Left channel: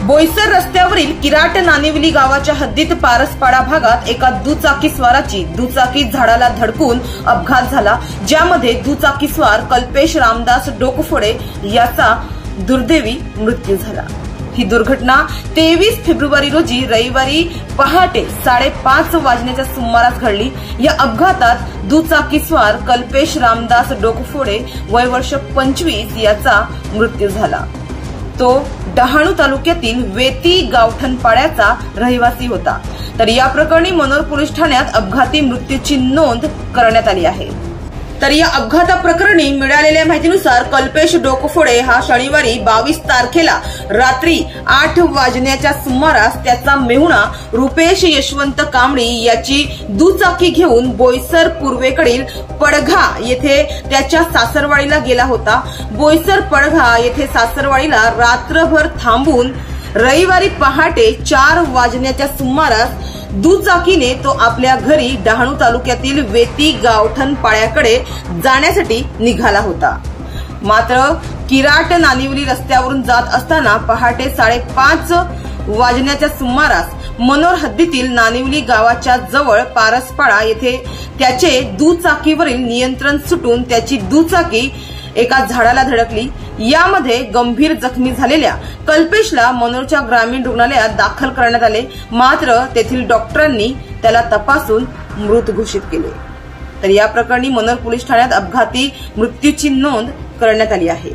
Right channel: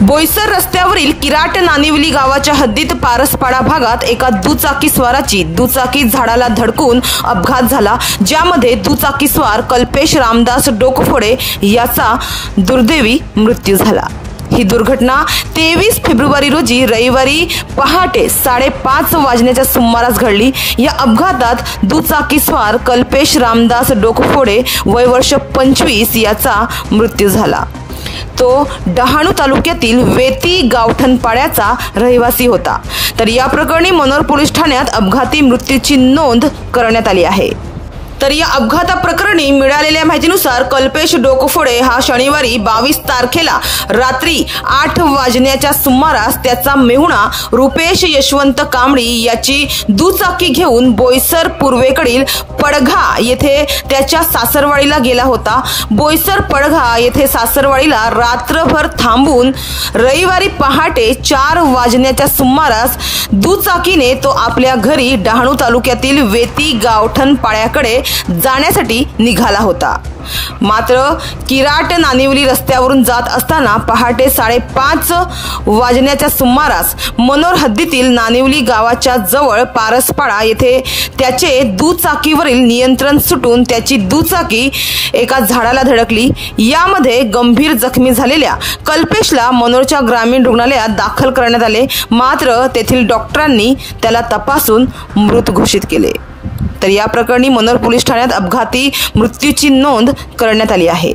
बोईसर रस्त्यावरील किराट नानिवली गावाच्या हद्दीत पारसपाडा भागात एका दुचाकीस्वाराची दुचाकी झाडाला धडकून अपघात झाला, ज्यामध्ये दुचाकीस्वार कल्पेश रामदास डोकफोडे याचा दुर्दैवी मृत्यू झाला। ही दुर्घटना 23 फेब्रुवारी रोजी रविवारी पहाटे 5:30 वाजण्याच्या सुमारास घडली। या अपघातात दुचाकीस्वार कल्पेश रामदास डोकफोडे वय वर्ष 25 याचा मृत्यू झाला। तो डहाणू तालुक्यातील वेती गावठणपाड्याचा रहिवासी होता। तर या प्रकरणी मनोर पोलीस ठाण्यात अपघाती मृत्यूची नोंद करण्यात आली आहे। तर या अपघाताप्रकरणी मिळालेल्या माहितीनुसार कल्पेश डोकफोडे हा शनिवारी 22 तारखेला रात्री 8 वाजण्याच्या सुमारास त्याचा मेहुणा रुपेश यशवंत कांबळी याची दुचाकी घेऊन बोईसर पूर्वेकडील पडघा येथे त्याच्या सासरवाडीला गेला होता। बोईसर पडघा येथे सासरवाडीला रात्रभर थांबून रविवारी पहाटे 4 वाजण्याच्या सुमारास दुचाकीने तो आपल्या घरी डहाणू तालुक्यातील वेती गावठणपाड्याकडे जाण्यासाठी निघाला होता। मात्र किराट नानिवली रस्त्यावरून जात असताना पहाटे 5:30 वाजण्याच्या सुमारास मनोर हद्दीतील नानिवली गावाच्या जवळ पारसपाडा येथे त्याचे दुचाकीवरील नियंत्रण सुटून त्याची दुचाकी एका झाडाला धडकली। यामध्ये गंभीर जखमी झालेल्या कल्पेशला मनोरच्या ग्रामीण रुग्णालयात दाखल करण्यात आले, मात्र तेथील डॉक्टरांनी त्याला तपासून मृत घोषित केले। तर या प्रकरणी मनोर पोलीस ठाण्यात अपघाती मृत्यूची नोंद करण्यात आली आहे।